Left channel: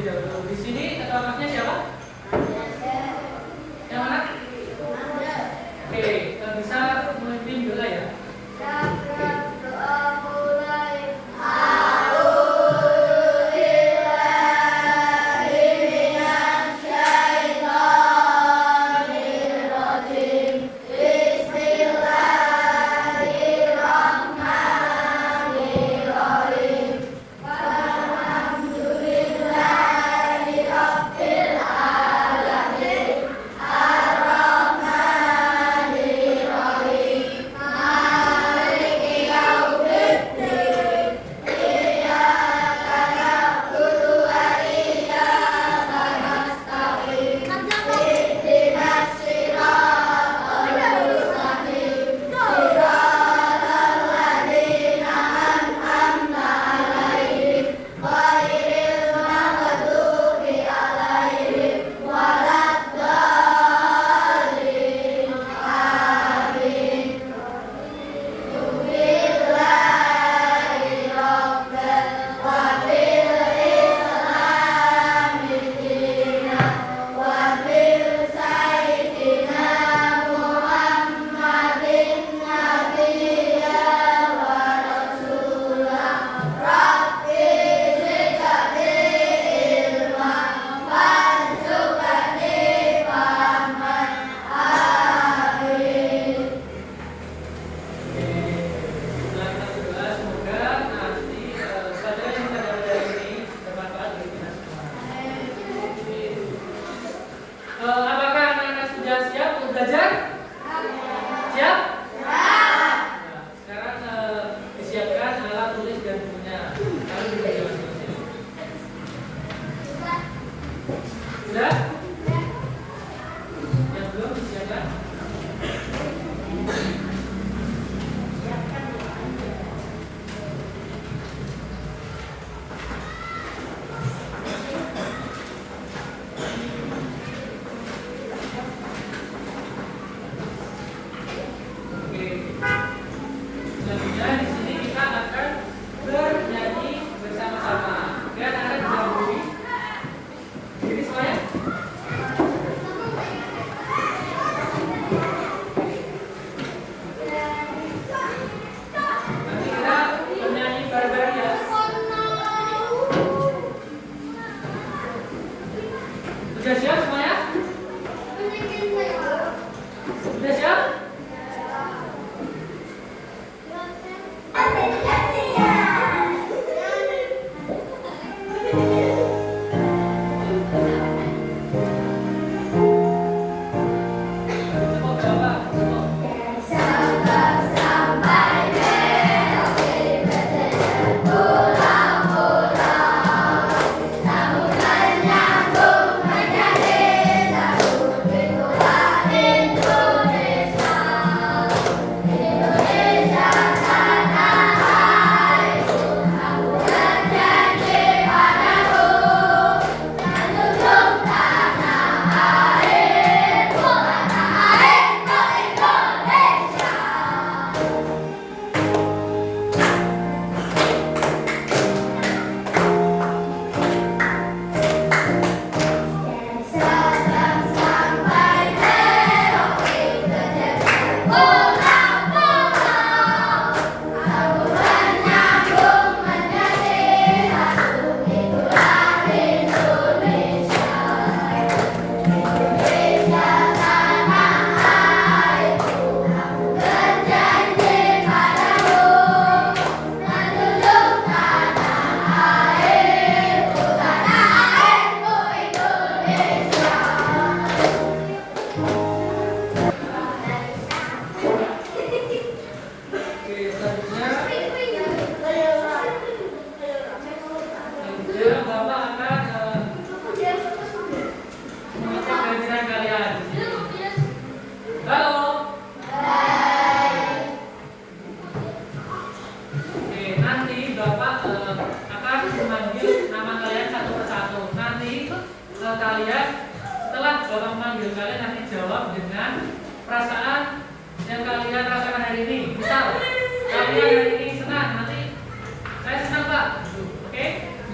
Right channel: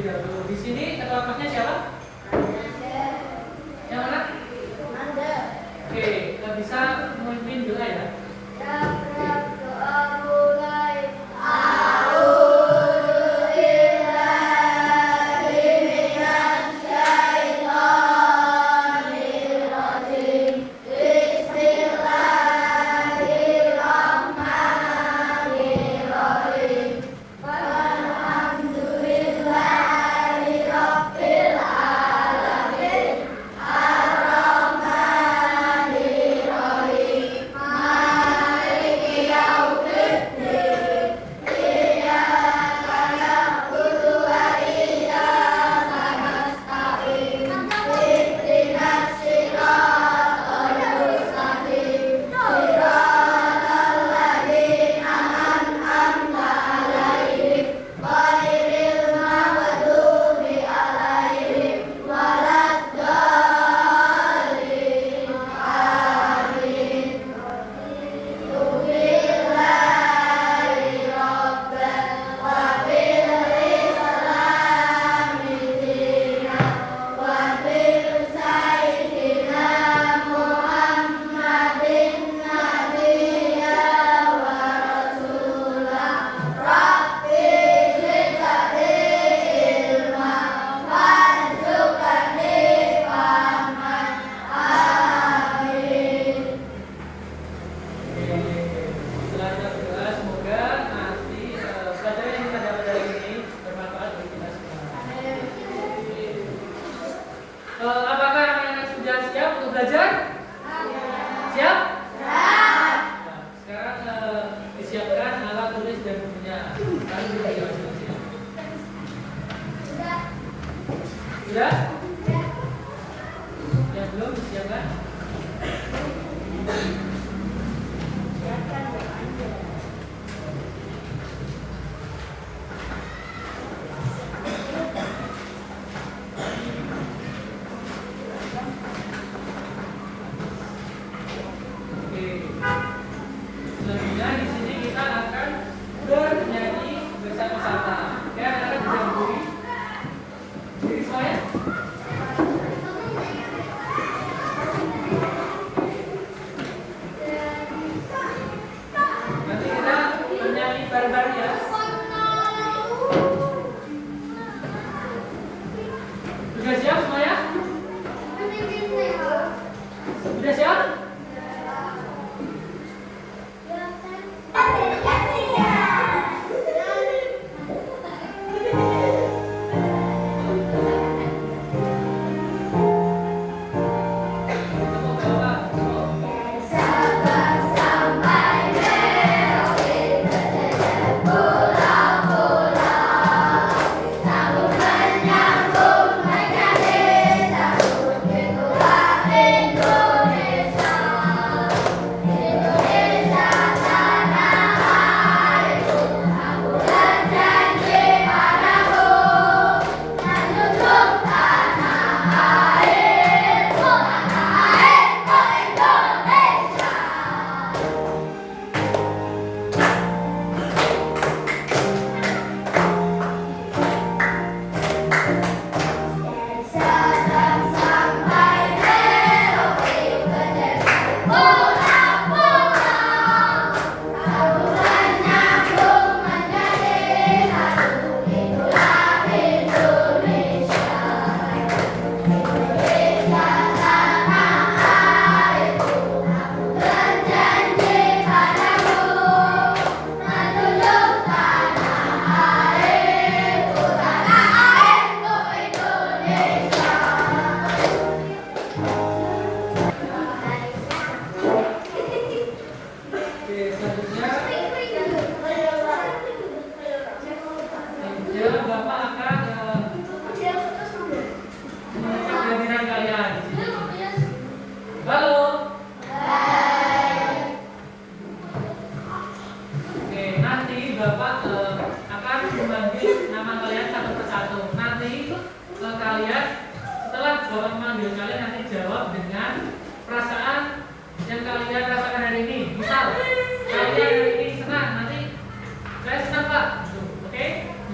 terlebih dahulu. Di sini ketua kelasnya siapa? Yang mana? Oke, bisa memimpin doa ya.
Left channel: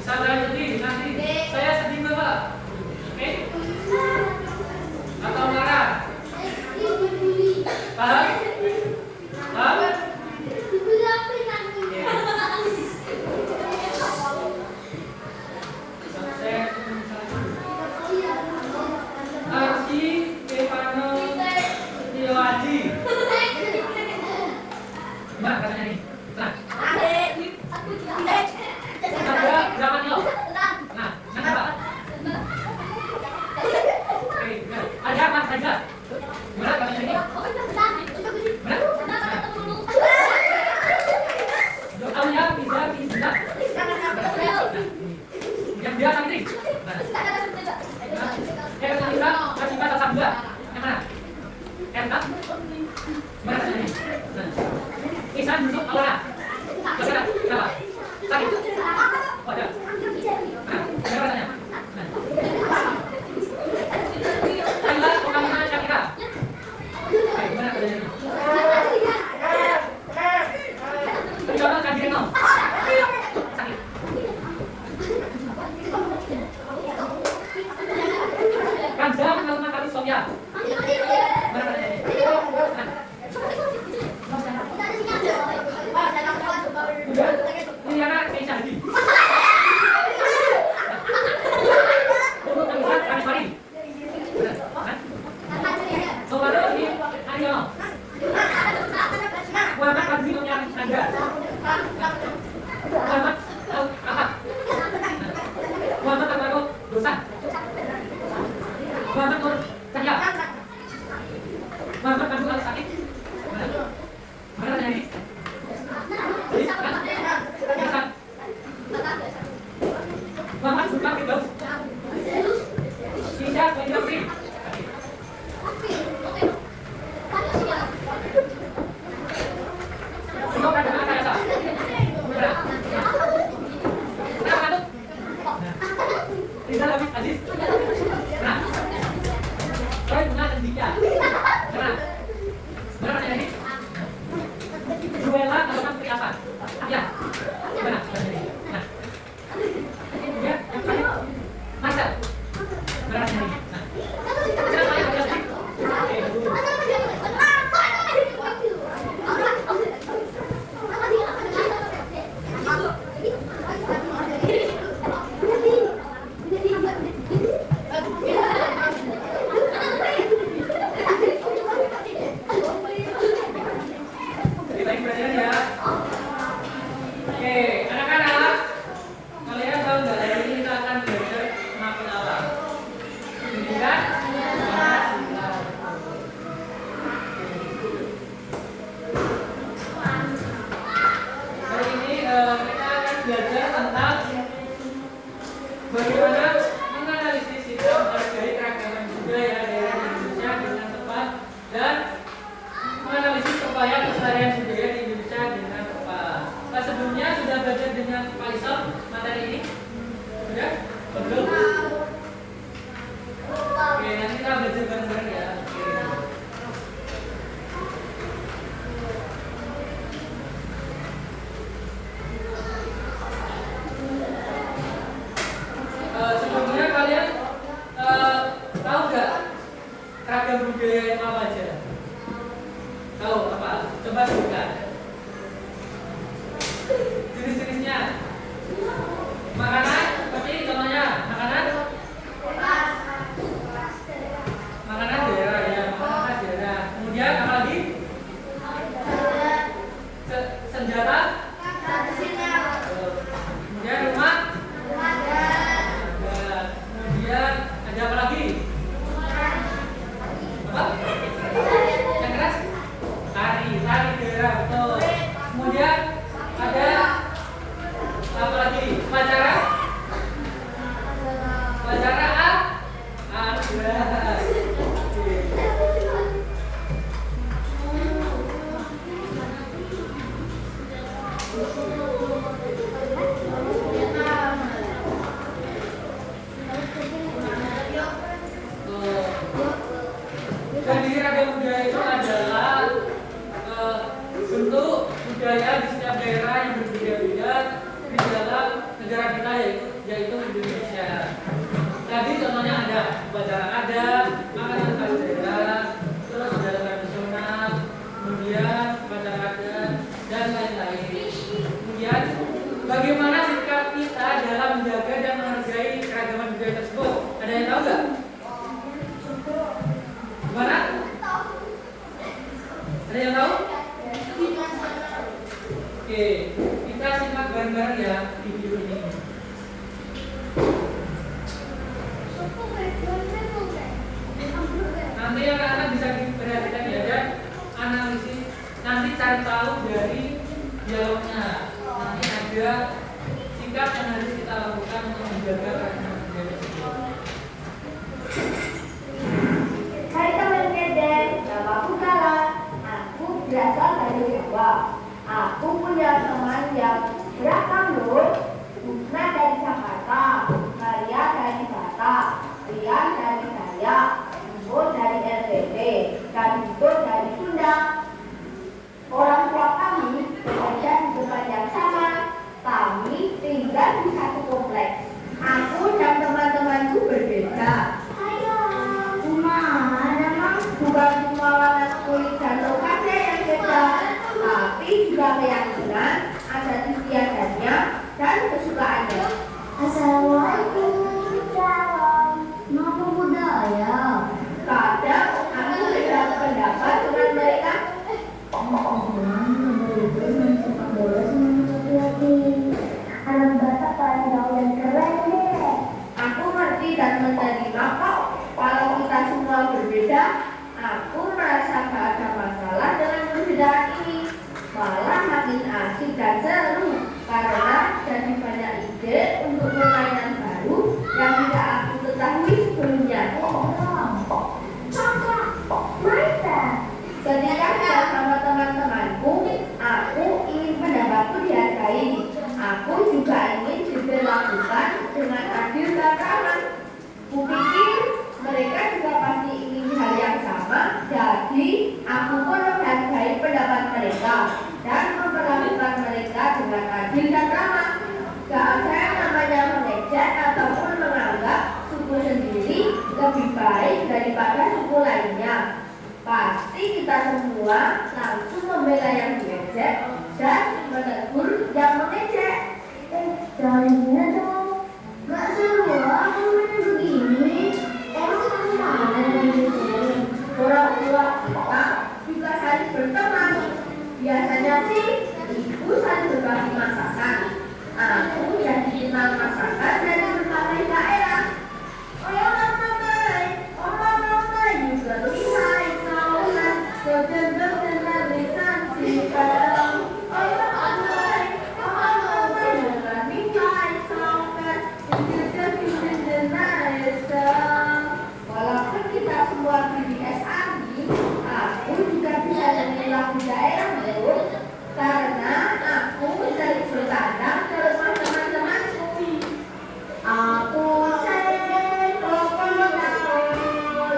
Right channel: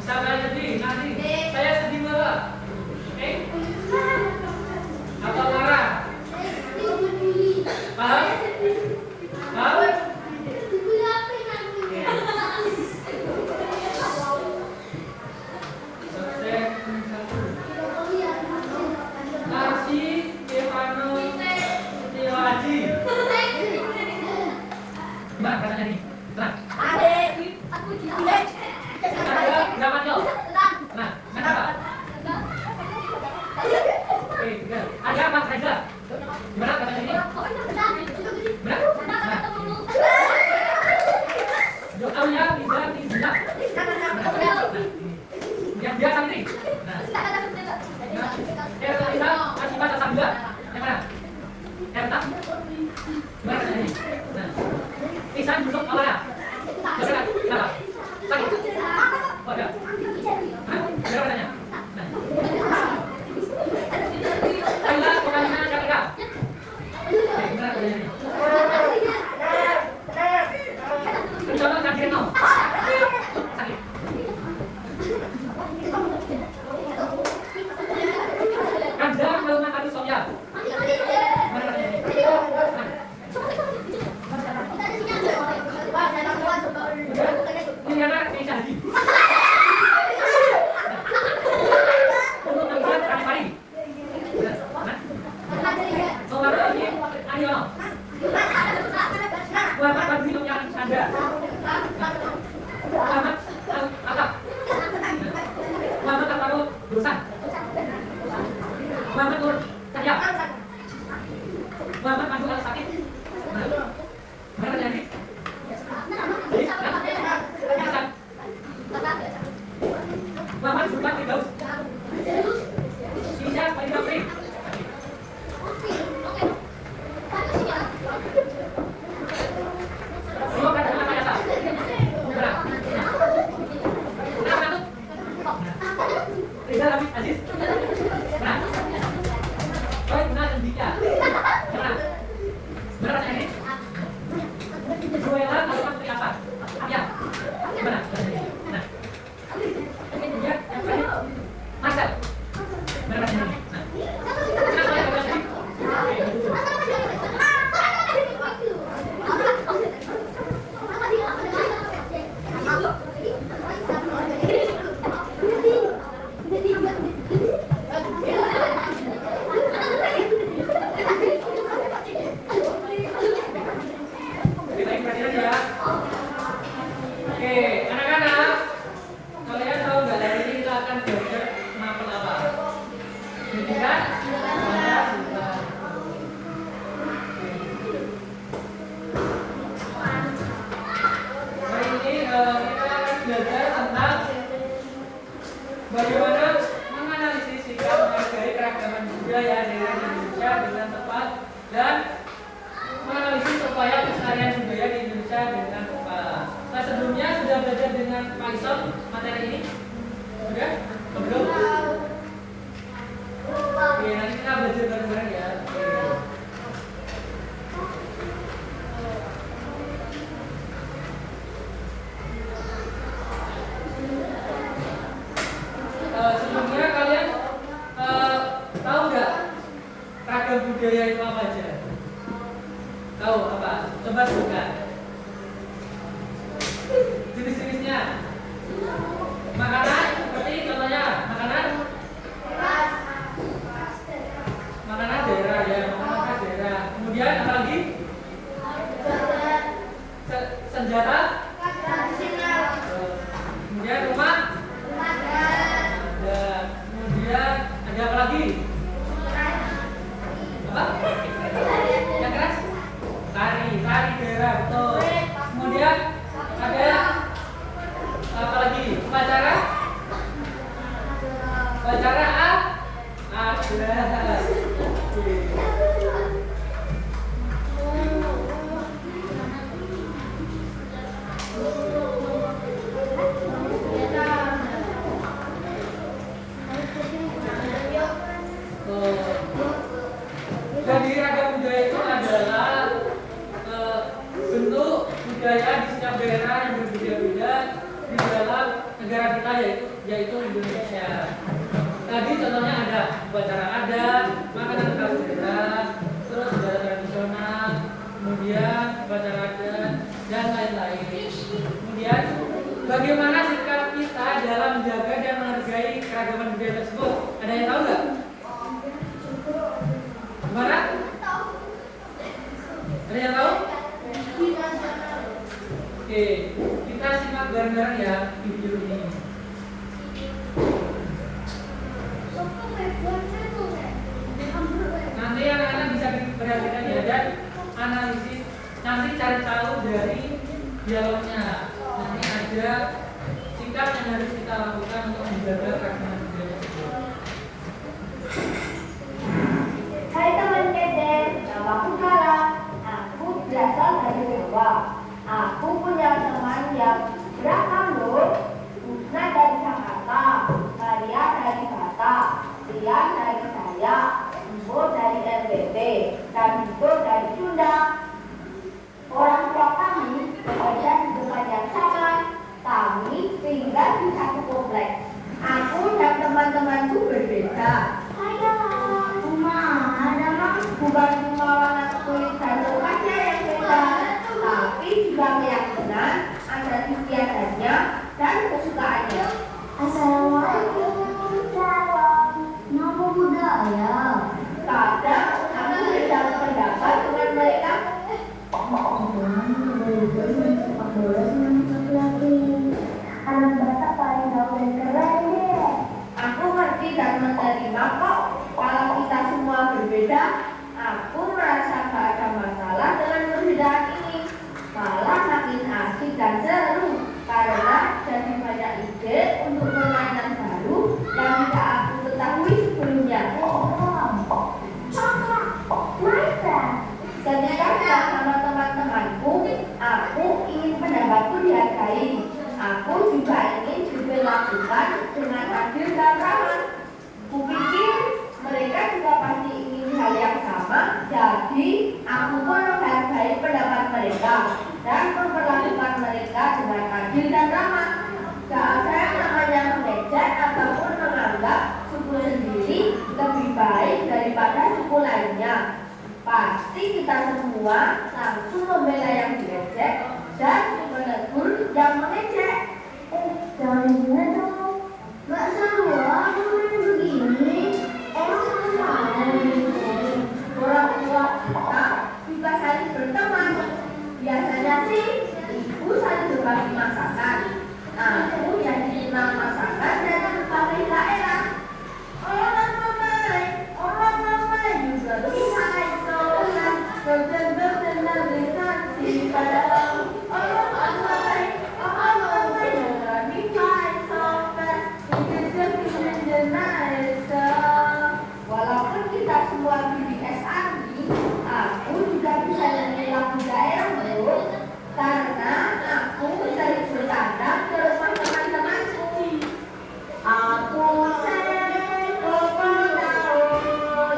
Misalkan jadi nanti saya sedih Dosa. Mamat Nur Cahya. Mamat Abdul Al Sakit. Mana ini? Mamat Sultan Firdaus. Sisa Firdaus. Aziz. Nah. Kau benar dan Dika. Benar. Benar ini. Duela alamat seperti apa? Ya. Benar. Nah. Ya, yang lain. Marcel. Benar ini. Nah. Siapa yang berarti? Belajar tentang bagaimana menganalisis sikap menghargai keragaman budaya di Indonesia dengan tepat dan menganalisis upaya pelestarian budaya di Indonesia dengan tepat. Nah, sebelumnya sudah belajar dengan Pak Isom materi ini? Sudah? Belum? Oke, nanti kita belajar bareng-bareng ya. Sebelumnya kalian tahu nggak ragam budaya itu apa aja? Tahu apa? Coba sebutkan. Jenis-jenisnya. Makanan seperti contohnya makanan daerah ya, makanan khas daerah. Kemudian apa lagi? Senjata. Kemudian rumah. Kemudian ada apa lagi? Apa? Yang keras? Tari daerah, betul. Kemudian ada apa lagi? Upacara adat. Jadi ragam budaya itu adalah bentuk budaya di setiap daerah yang berbeda-beda di dalam negara kita yaitu Indonesia. Tadi contohnya ada upacara adat, makanan khas daerah, terus budaya tradisional, kemudian upacara adat dan lain-lain. Kemudian bagaimana sikap kita dalam menjaga dan menghargai keragaman budaya tersebut? Ada yang tahu nggak? Gimana? Ada yang tahu? Oke, kita simak bareng-bareng ya video ini. Nanti anak-anak bisa diperhatikan ya dan analisis. Nanti cari tahu dari dialognya. Nanti ada sikap yang harus kita lakukan untuk menjaga keragaman budaya tersebut. Hai teman kedek, namaku Kala. Aku berasal dari Jawa. Aku punya teman yang beragam loh. Pusna dari Jakarta, Maria dari Batak, Rian dari Saya, Ibu dari LBT, dan Vito dari Sunda. Orang tua kami bekerja di tempat yang sama. Kami tinggal di satu kompleks. Aku dan teman-temanku berbeda. Bukan cuma warna kulit dan lokasinya yang beda, tapi juga keyakinan, ada istiadatnya dan kesukaannya. Assalamualaikum. Nama budaya. Kadang kami berbeda pendapat dengan mereka. Sepak bola sama laki-laki. Anak Batak paling tahu dan keren deh. Aku ngerti dan menerima kok. Kalau kita semua berbeda, aku merasa gak ada masalah dengan perbedaan ini. Malah makin asik dan seru karena jadi banyak ide untuk permainan baru yang tidak aku ketahui sebelumnya. Ketika bersama teman-temanku, aku ingin pendapatku dihargai. Aku juga ingin diperlakukan dengan adil dan ramah. Kupikir mereka juga pasti ingin hal yang sama, jadi aku pun menghargai pendapat mereka dan memperlakukan mereka dengan adil dan ramah. Gak ada yang namanya mengejek ataupun menganggap suku sendiri lebih baik daripada suku lainnya. Pasti kita semua langsung membela yang diejek dan menegur yang mengejek. Jangan gila dong. Gak seru aku main begini. Emang sama ada di sini. Orang tua kita juga saling berteman. Biasanya sih ibu saling berbagi masakan. Aku yang dikenal masakan dari berbagai daerah. Orang ramai juga lihai saulah. Berkenal dengan si padang. Orang ramai dengan lihai saulah. Walaupun kita semua di SRI, aku juga bisa nyanyi lagu daerah loh. Karena aku sering bertandang ke rumah teman-temanku. Aku sering tahu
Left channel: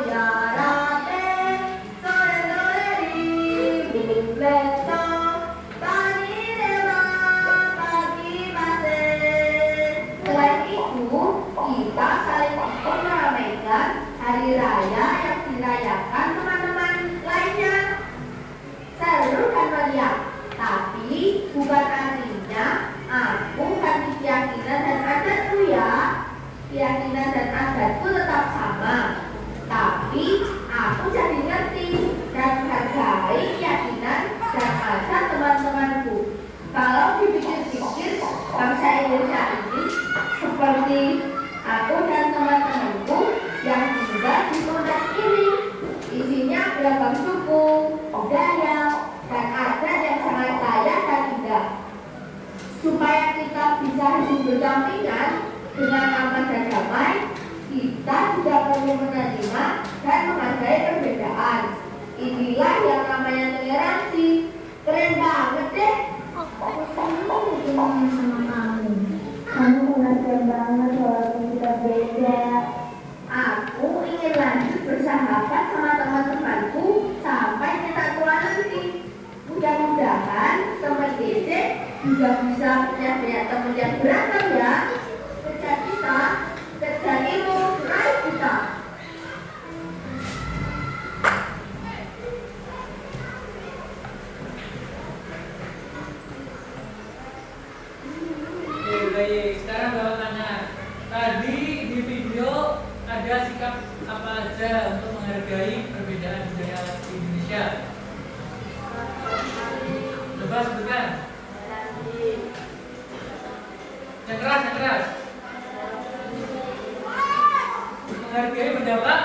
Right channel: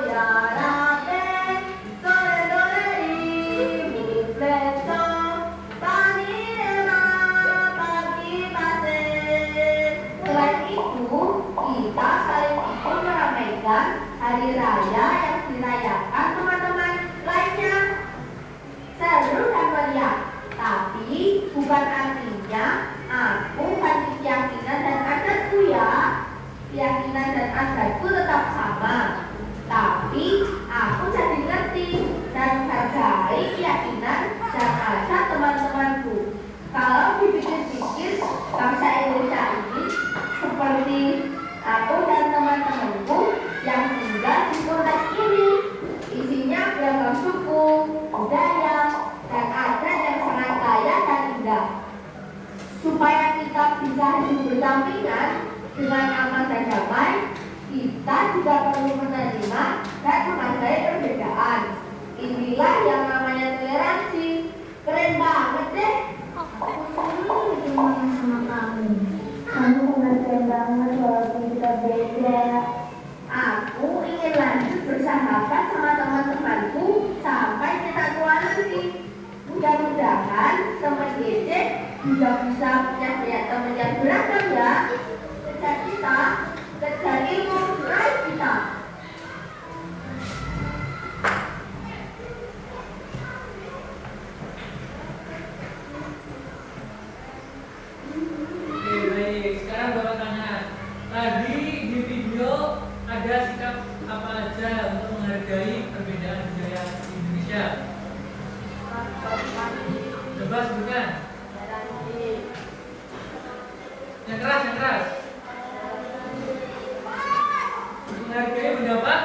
ya rabe, sore-sore bubleto, tani dema pagi pasir. Selain itu, kita saling ikut meramaikan hari raya yang dirayakan teman-teman lainnya. Seru dan meriah, tapi bukan artinya aku ganti keyakinan dan adatku ya. Keyakinan dan adatku tetap sama, tapi aku jadi ngerti dan menghargai keyakinan dan adat teman-temanku. Kalau dipikir-pikir, bangsa Indonesia ini seperti aku dan teman-temanku yang tinggal di kota ini. Isinya beragam suku, budaya, dan adat yang sangat kaya dan indah. Supaya kita bisa hidup berdampingan dengan aman dan damai, kita juga perlu menerima dan menghargai perbedaan. Inilah yang namanya toleransi. Keren banget deh. Aku senang berteman sama kamu. Kamu pengertian banget walaupun kita beda. Aku ingin lanjut bersahabat sama teman-temanku sampai kita tua nanti. Mudah-mudahan teman Dede juga bisa punya banyak teman yang beragam ya. Kerja kita, kerja ilmu, raih kita. Oke, baik. Sekarang Bapak tanya. Tadi di video ada sikap apa aja untuk menghargai perbedaan budaya Indonesia? Coba sebutkan. Yang keras, yang keras. Menghargai pendapat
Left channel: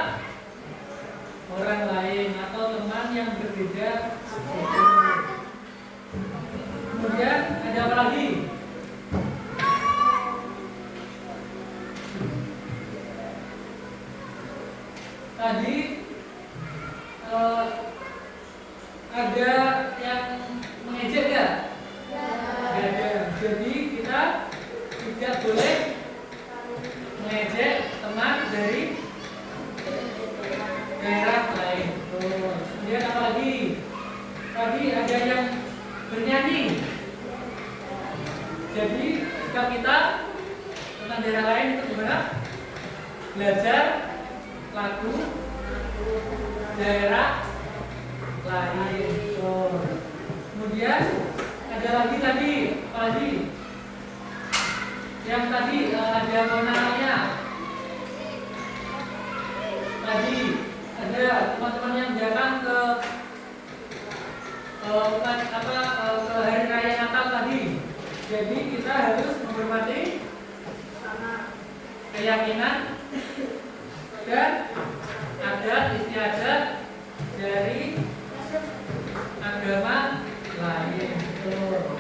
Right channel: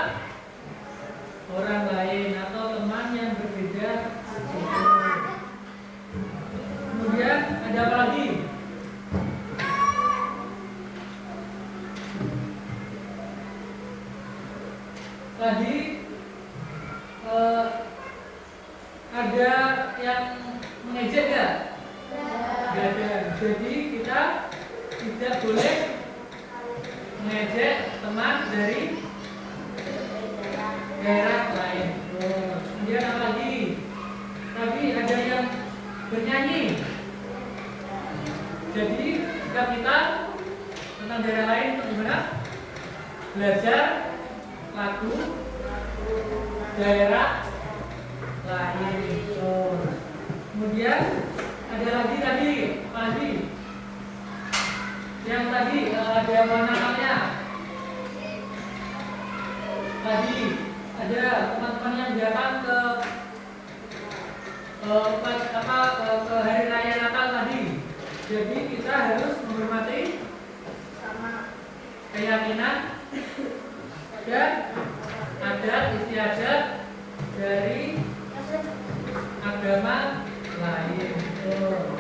orang lain atau teman yang berbeda. Kemudian ada apa lagi? Tadi ada yang mengejek nggak? Nggak ada. Jadi kita tidak boleh mengejek teman dari daerah lain. Kemudian apa lagi? Tadi ada yang bernyanyi. Jadi sikap kita tentang daerah lain itu gimana? Belajar lagu daerah lain. Kemudian ada lagi tadi apa lagi? Yang tadi ada apa namanya? Tadi ada teman-teman yang datang ke hari raya Natal tadi. Jadi kita harus menghormati keyakinan dan adat istiadat dari agama lain. Tuh.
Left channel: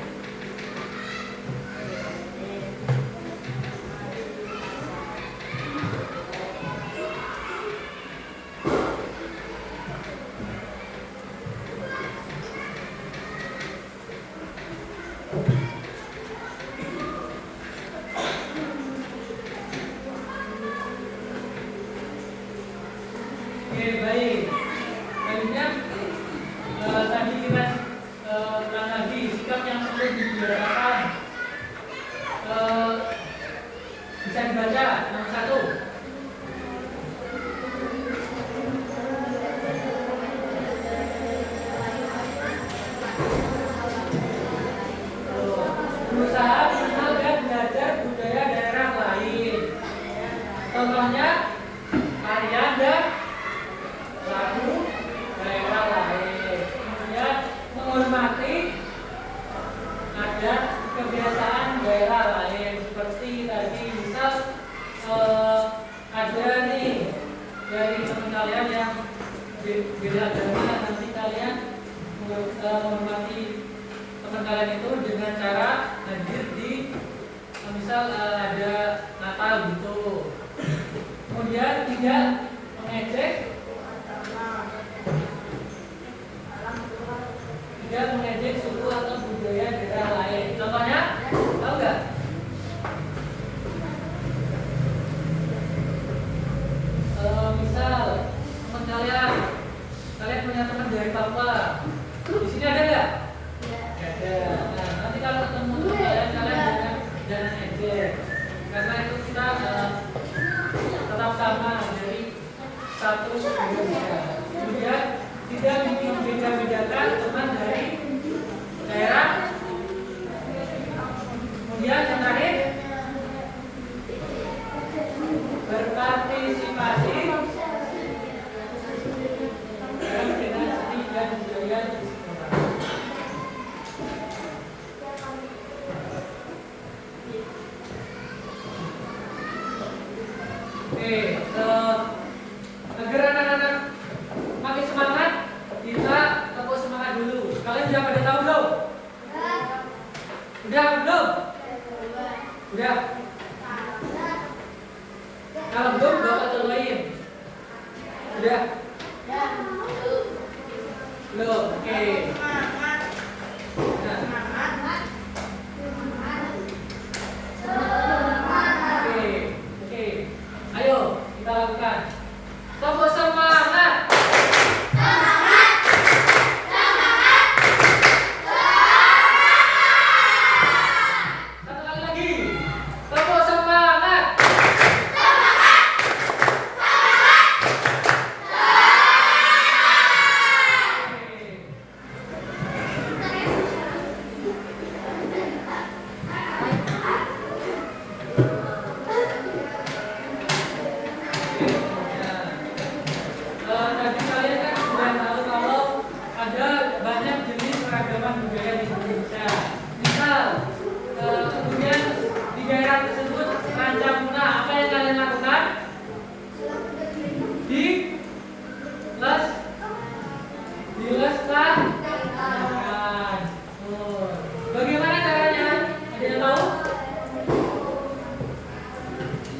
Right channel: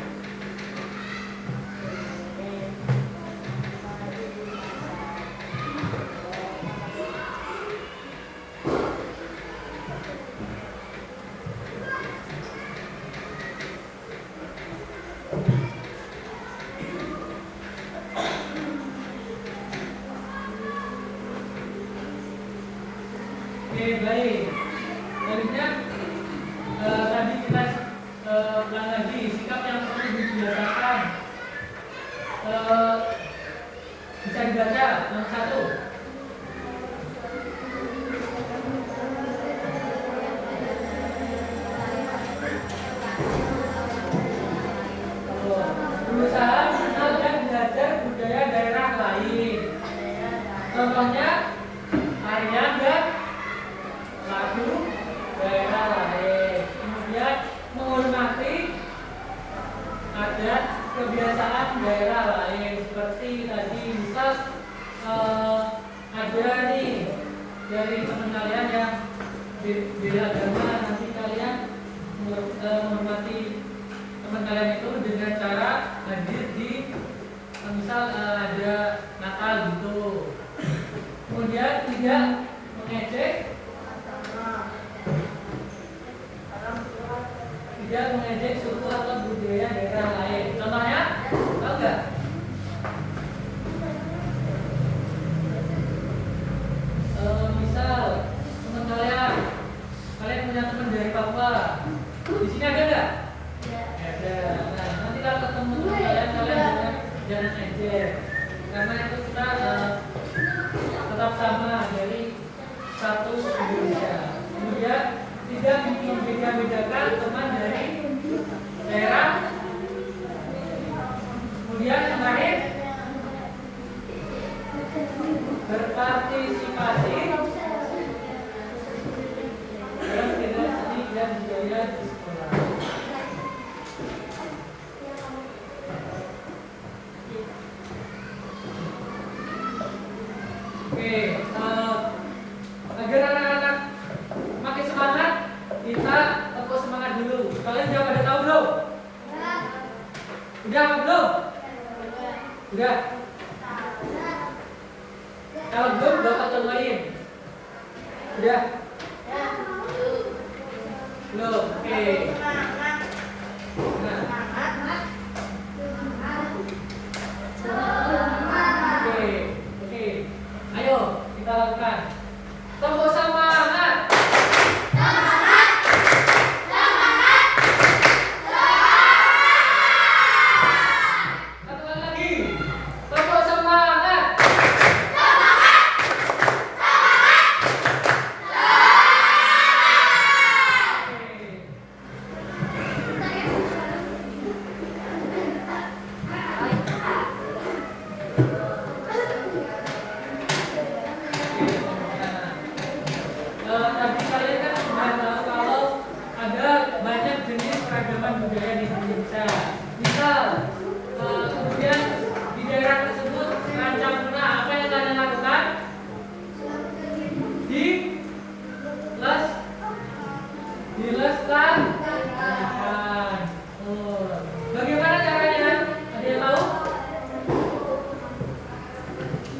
Oke, baik. Selanjutnya tadi kita ulang lagi sikap yang perlu dibiasakan. Bisa dibaca yang satu. Berusaha mengenal dan belajar budaya daerah lain. Contohnya tarian dan lagu daerah lain. Kemudian menghormati adat kebiasaan daerah lain. Seperti tadi misal ada nih dari teman kalian yang beda agama yang nanti kalian menghormati teman kalian itu dengan cara hadir di misal ada Natal gitu. Kemudian tidak mengejek suku atau budaya daerah lain. Contohnya, tahu nggak? Misal teman kalian punya teman dari Papua. Di sini ada nggak? Ada. Nah, nanti kalau ketemu kalian jangan ejek, karena itu kita tetap sama dari satu Indonesia. Kemudian tidak membeda-bedakan teman dari daerah. Kemudian yang terakhir, berpartisipasi dalam kegiatan seni dan budaya di sekolah. Oke, agar anak-anak makin semangat, kita tepuk semangat dulu. Kalian udah pada tahu belum? Udah belum? Udah. Kalau belum, bapak contohin. Udah? Belum. Oke. Nah. Oke. Ayo kita lakukan. Tepuk semangat. Bagaimana caranya? Ada yang tahu?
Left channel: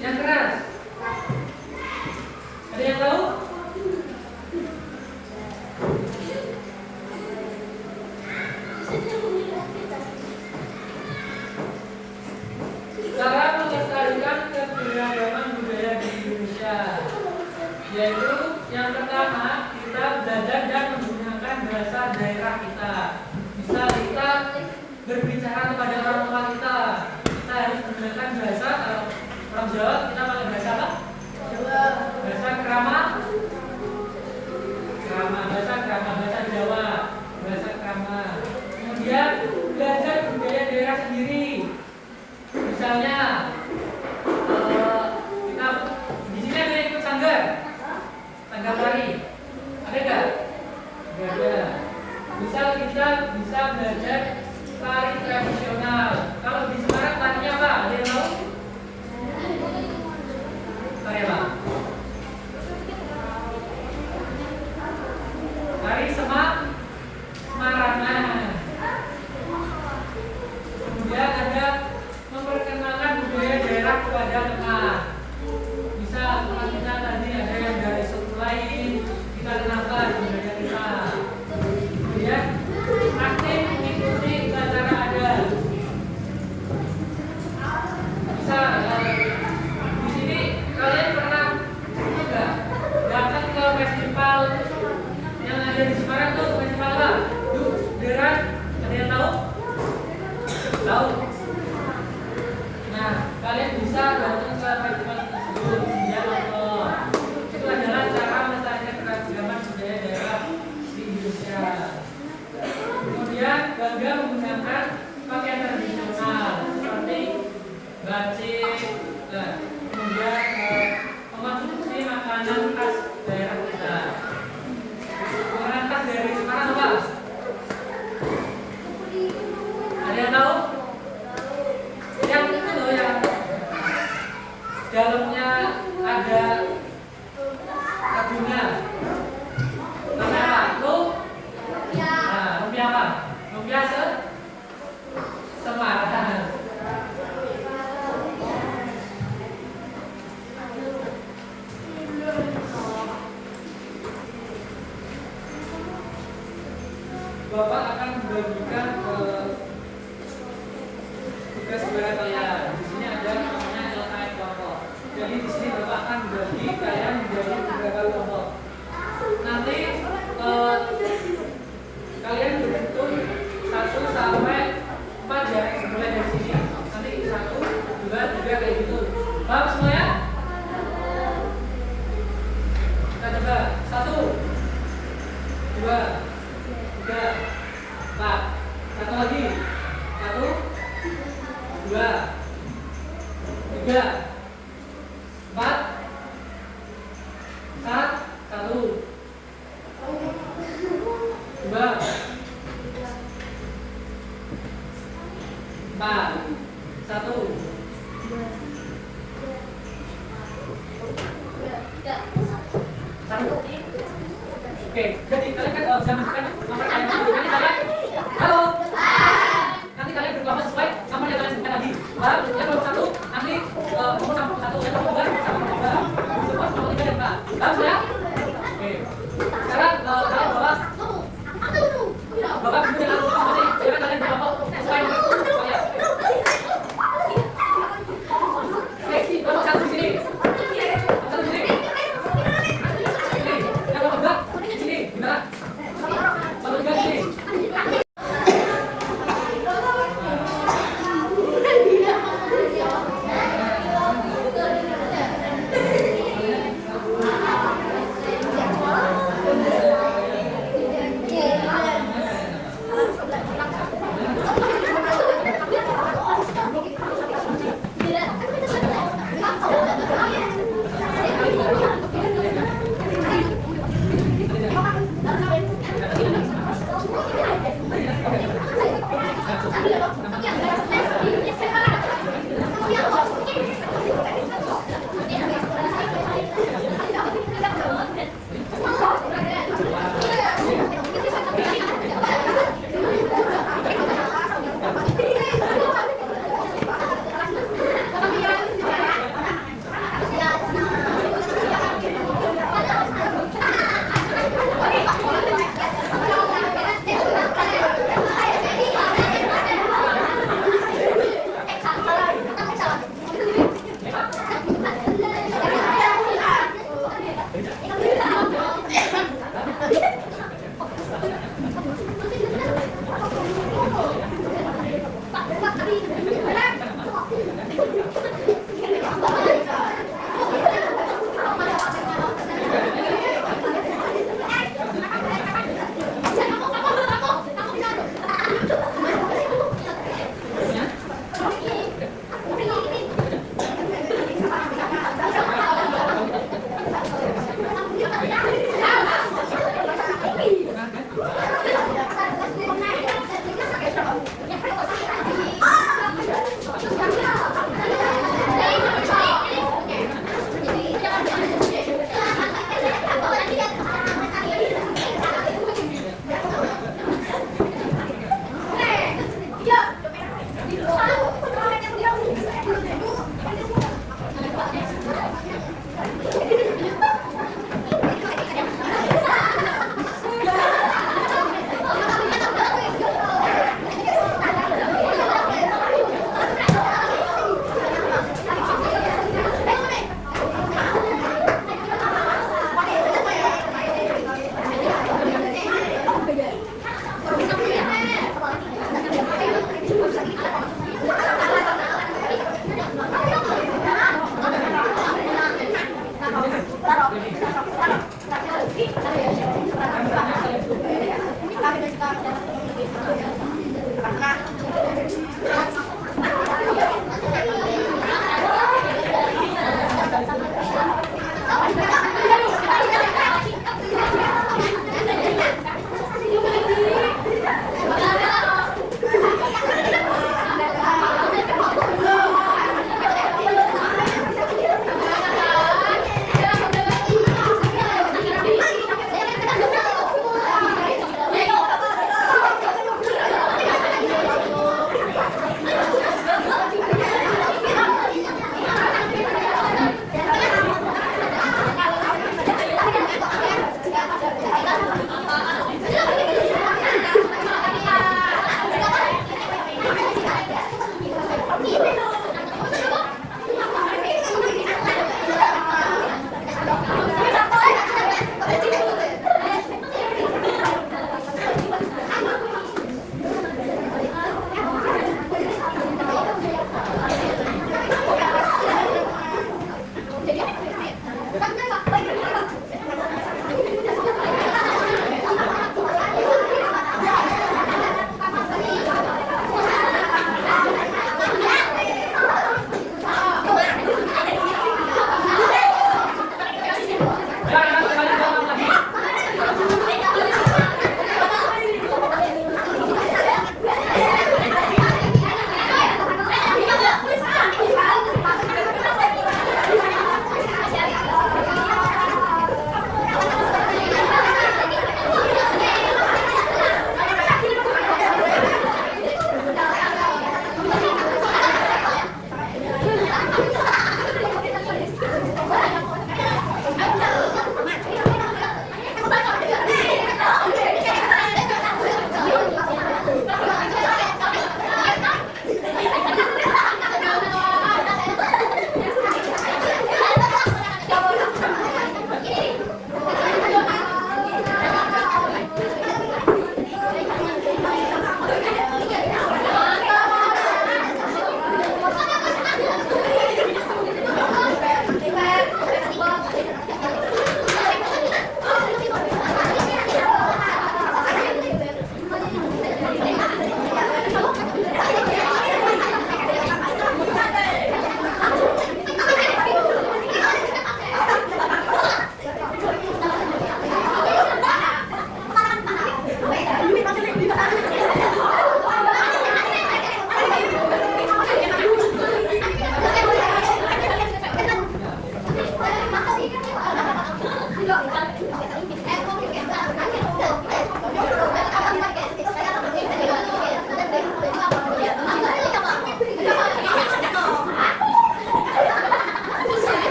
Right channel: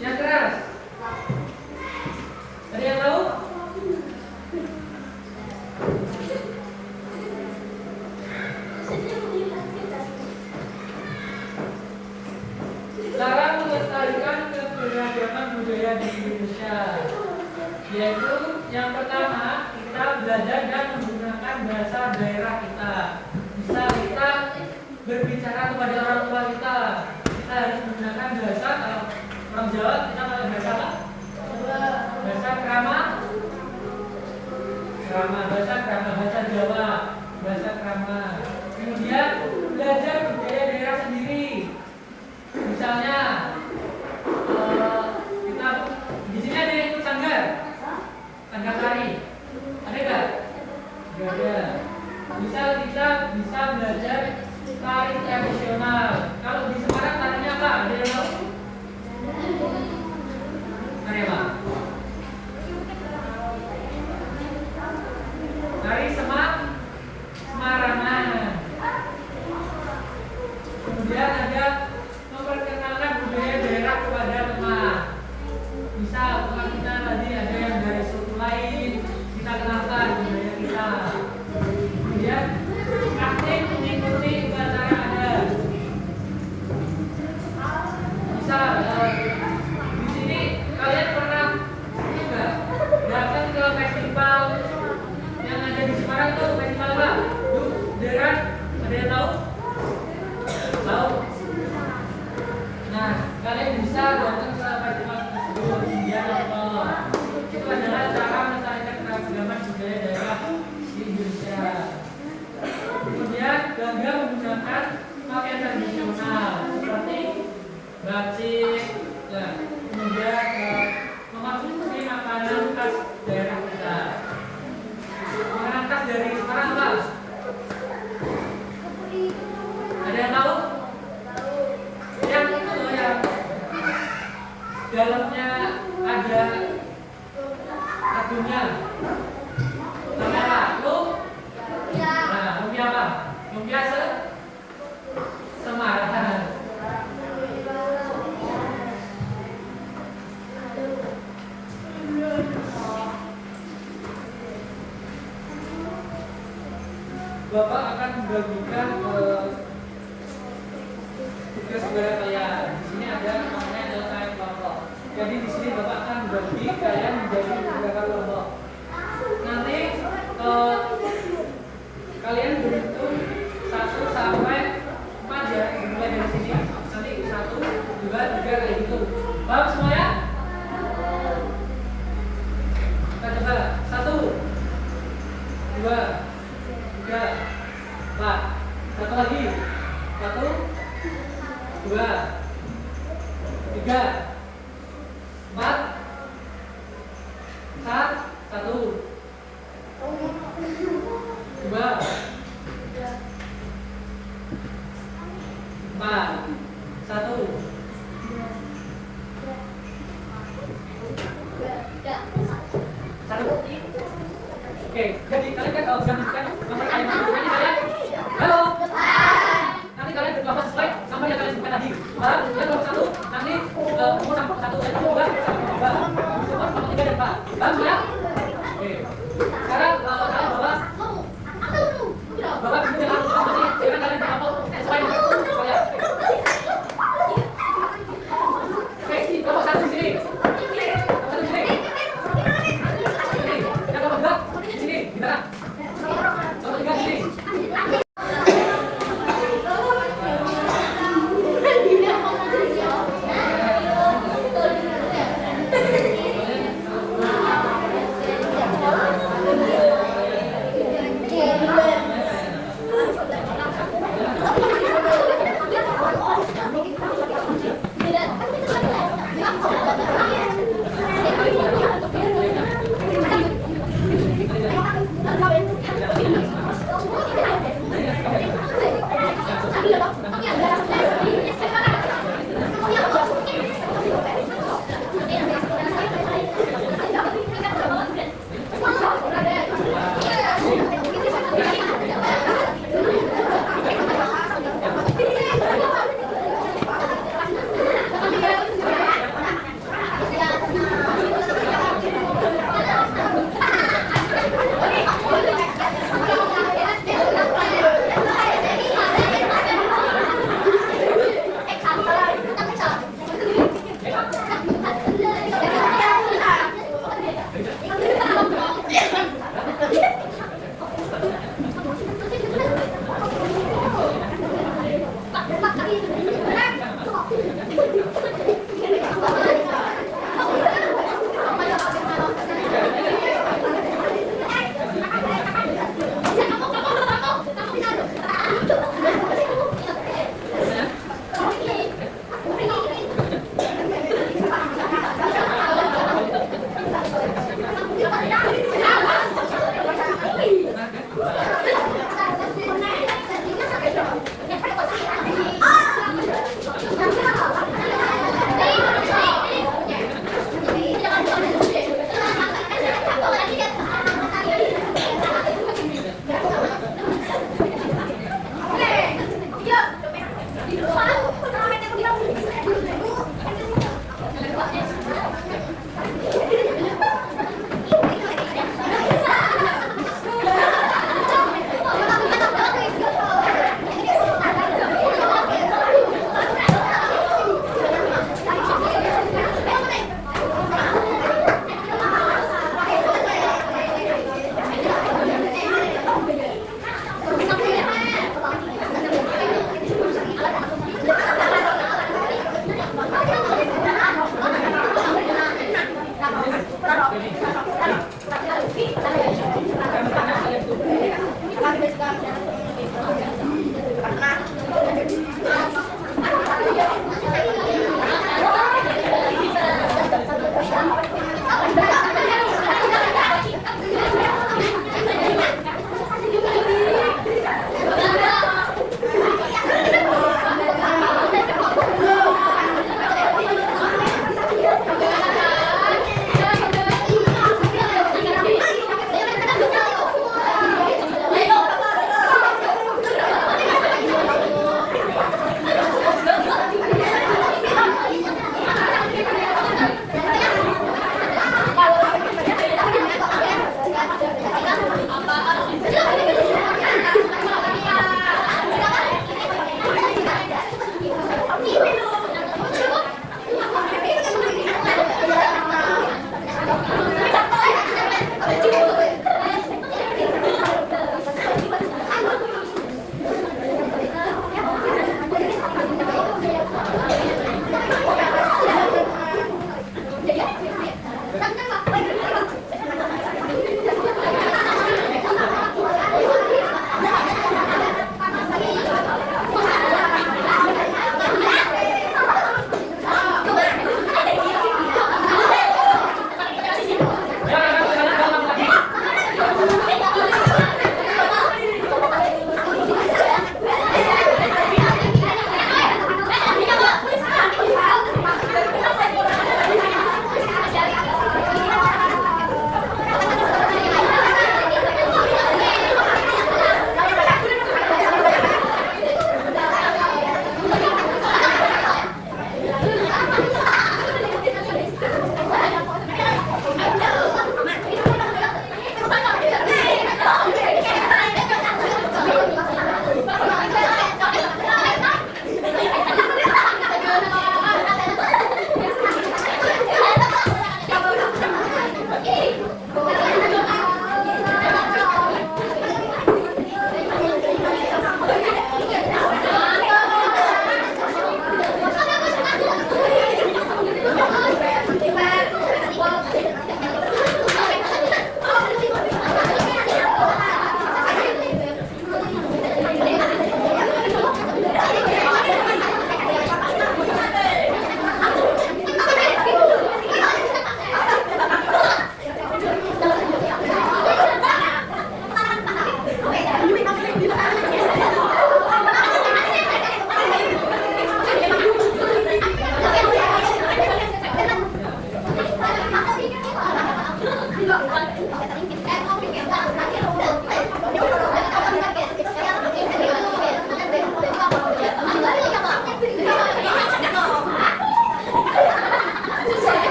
Yang keras? Ada yang tahu? Cara melestarikan keberagaman budaya di Indonesia, yaitu yang pertama kita belajar dan menggunakan bahasa daerah kita. Bisa kita berbicara kepada orang tua kita harus menggunakan bahasa. Kalau orang Jawa kita pakai bahasa apa? Bahasa krama, bahasa Jawa, bahasa krama. Kemudian belajar budaya daerah sendiri. Misalnya kita di sini ada yang ikut sanggar tari, ada nggak? Nggak ada. Misal kita bisa belajar tari tradisional. Kalau di Semarang tarinya apa? Ada yang tahu? Tari apa? Bapak akan membagikan tugas kepada kalian. Di sini ada namanya LKM kelompok. Jadi di sini Bapak akan membagi kalian menjadi beberapa kelompok. Nanti kalian berhitung 1 sampai 4 ya, mulai dari sini. Nanti 1, 2, 3 kayak gitu. Paham semua ya? Kita coba 1, 2, 3, 4. Satu lagi. 1, 2, 3, 4. 1, 2, 4. 1. Oke, jadi kalian kan jangan nanti kalian halo. Nanti kalian berkelompok sesuai sama yang kalian sebutkan tadi. Baru yang nomor 1 nanti nomor 1 yang nomor 2 sama nomor 2. Nomor 3 dan 4. Paham ya? Oke. Sekarang kalian bawa Bapak bisa nanti jangan kalian berkelompok sesuai dengan kalian. Oke, nomor 1 di sini. Nomor 1 di sini. Yang nomor 2 di sini. Gimana? Nomor 3 di sini.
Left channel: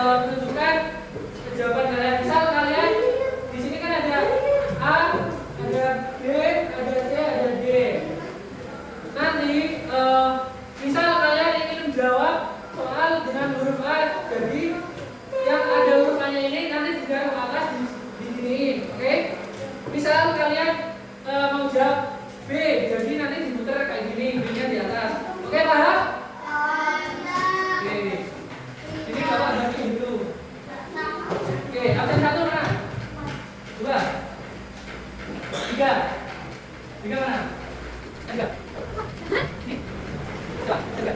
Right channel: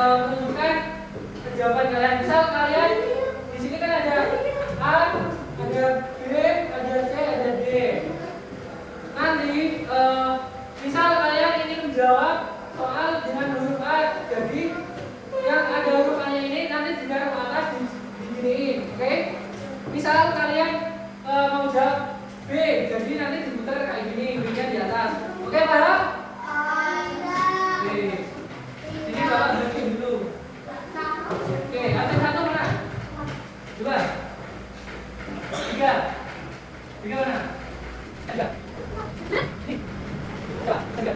menentukan jawaban kalian. Misal kalian di sini kan ada A, ada B, ada C, ada D. Nanti misal kalian ingin menjawab soal dengan huruf A, jadi yang ada huruf A-nya ini nanti di garis atas diginiin, oke? Misal kalian mau jawab B, jadi nanti diputar kayak gini, B-nya di atas. Oke, paham? Oke. Ini bapak ada gitu. Oke, absen 1 mana? 2 3 3 mana? 3 ini 3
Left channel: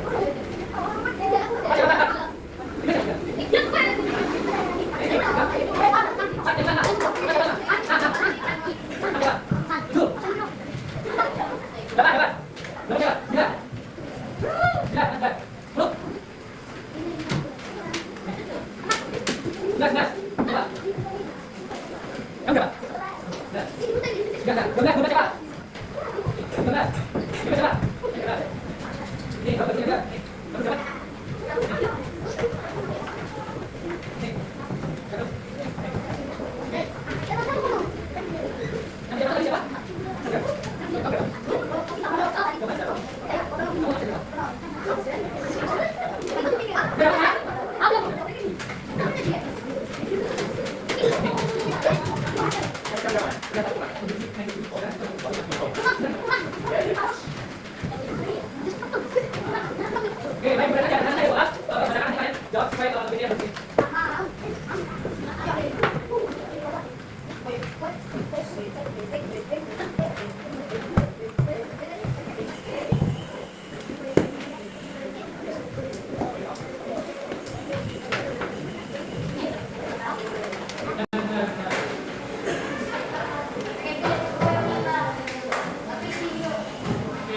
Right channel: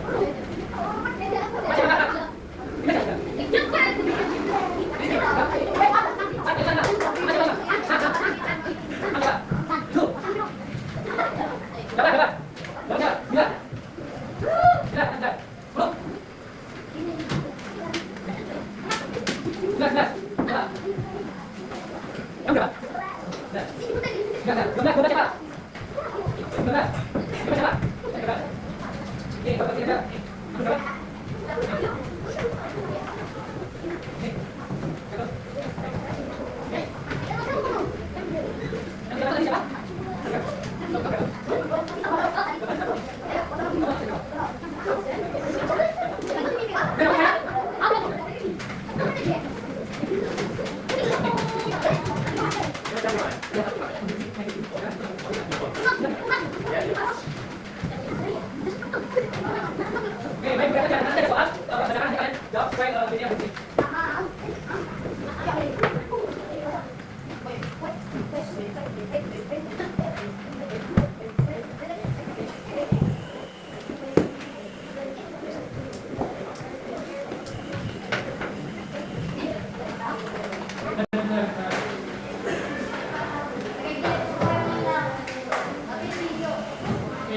Oke,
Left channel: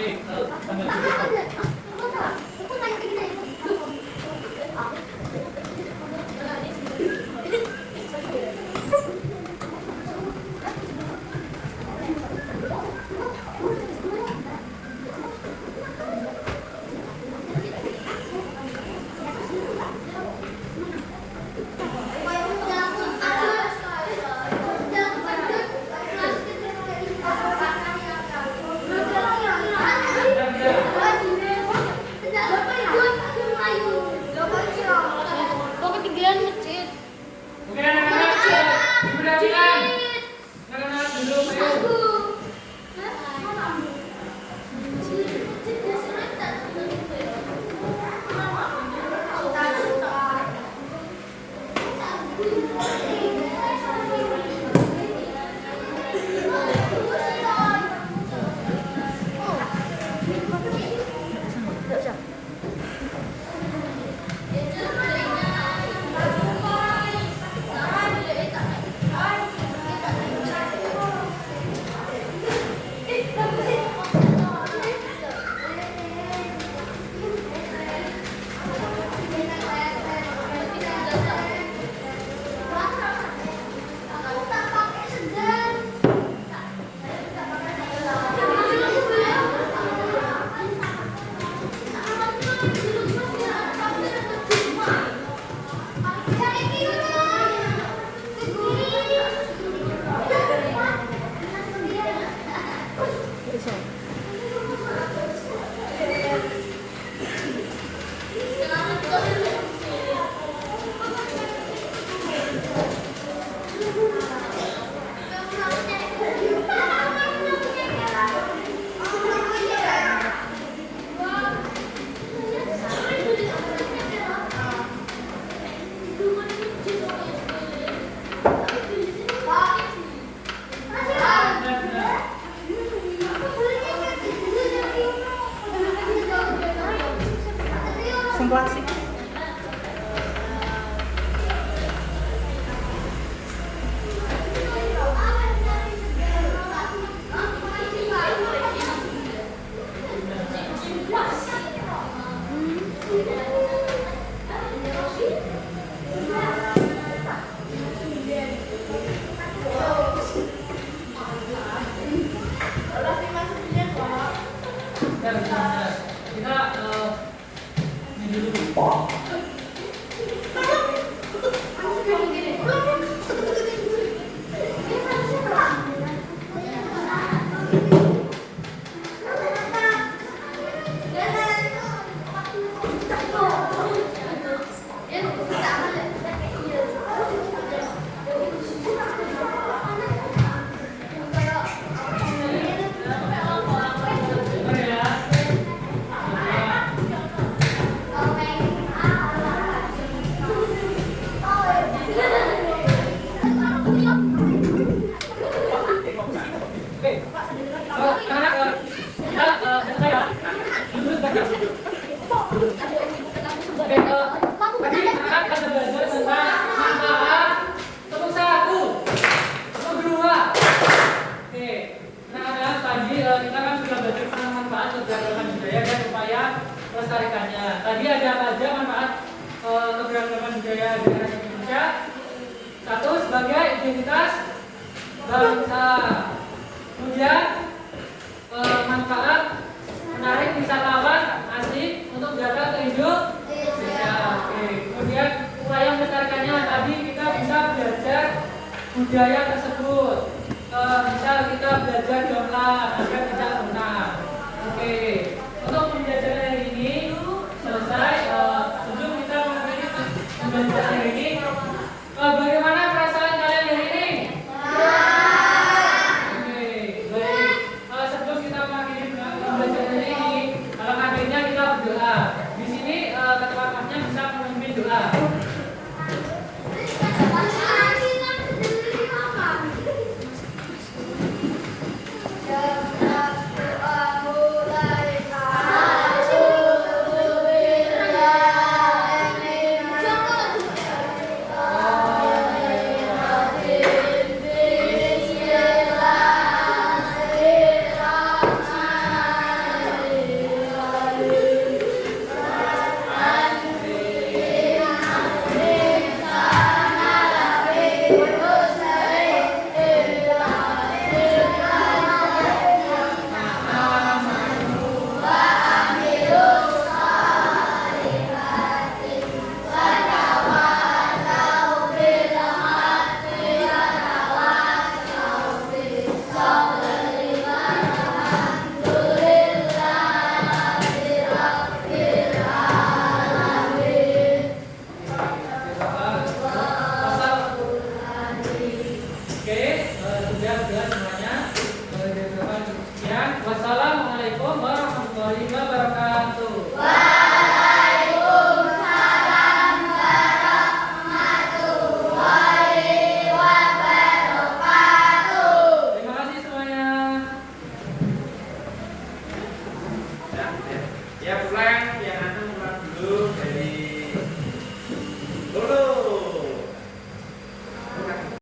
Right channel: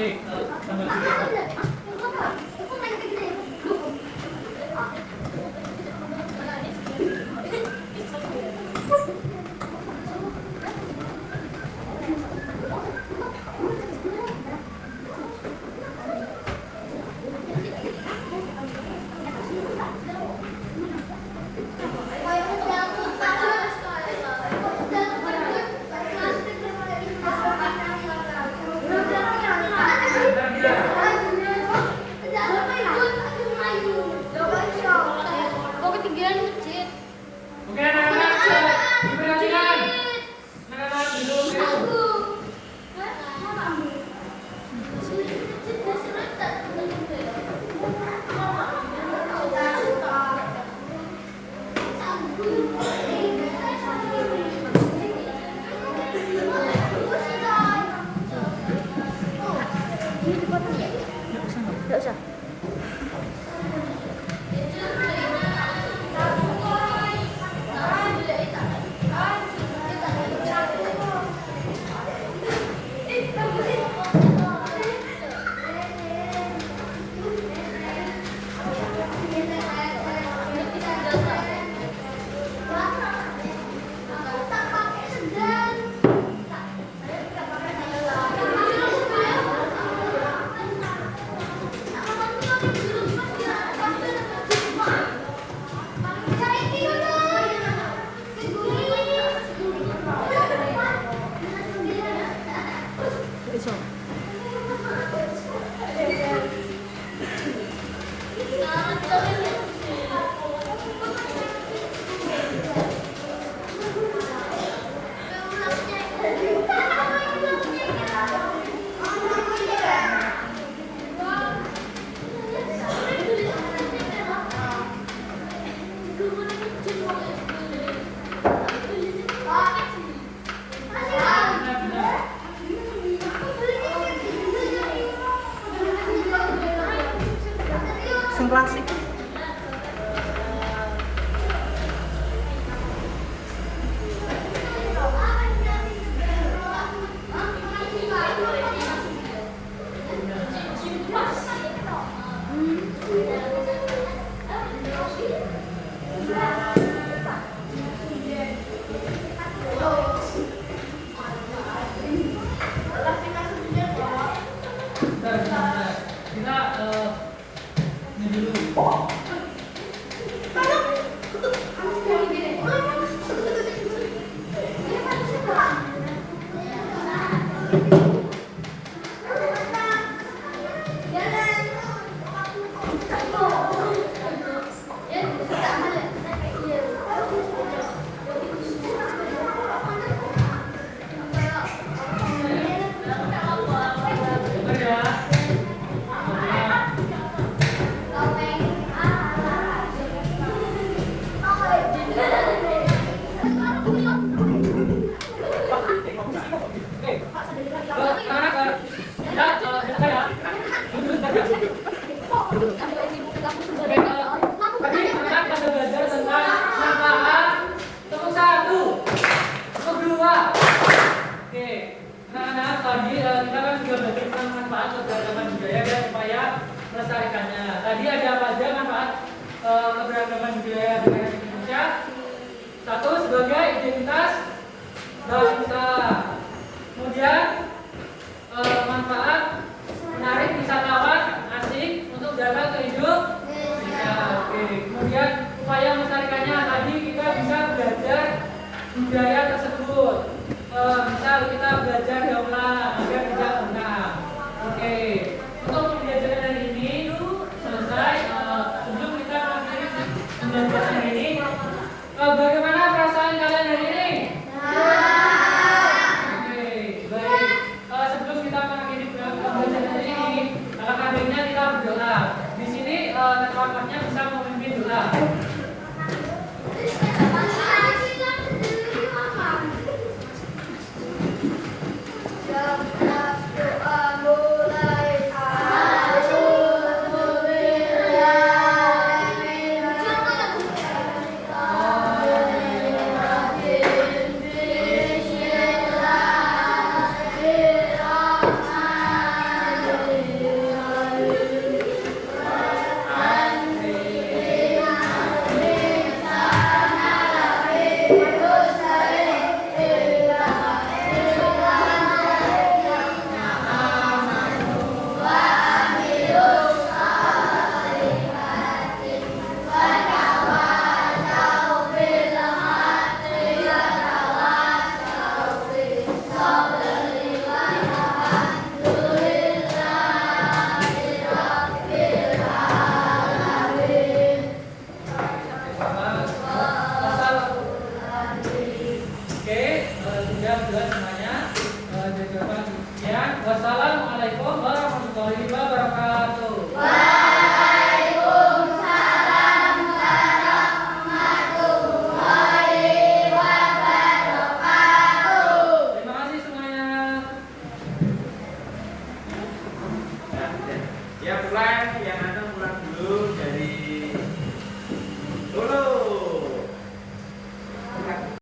klasik. Bentar, kita ini dulu. Bentar ya. Oke, anak-anak, kita bentar ya. Duduk bentar ya. Oke, tadi anak kita belajar tentang manfaat tepung sagu, kedua. Oke, anak-anak tadi kita kan sudah belajar tentang manfaat keberagaman budaya ya supaya melestarikannya. Tadi ada apa aja manfaat keberagaman budaya negara Indonesia? Satu, sebagai identitas bangsa. Kemudian manfaat menarik wisatawan asing untuk datang ke Indonesia. Oke. Kemudian upaya melestarikannya tadi kita bisa belajar budaya tersebut. Misal kita belajar gamelan agar tidak punah. Oke. Untuk pembelajaran hari ini selesai. Sebelum kita mengakhiri pembelajaran hari ini, bagaimana perasaan kalian hari ini? Sebelum kita mengakhiri pembelajaran hari ini, alhamdulillah kita berdoa. Di sini ketua-ketuanya bisa memimpin doa. Wassalamualaikum warahmatullahi wabarakatuh. Waalaikumsalam warahmatullahi wabarakatuh. Terima kasih semuanya. Ya pulang yang ada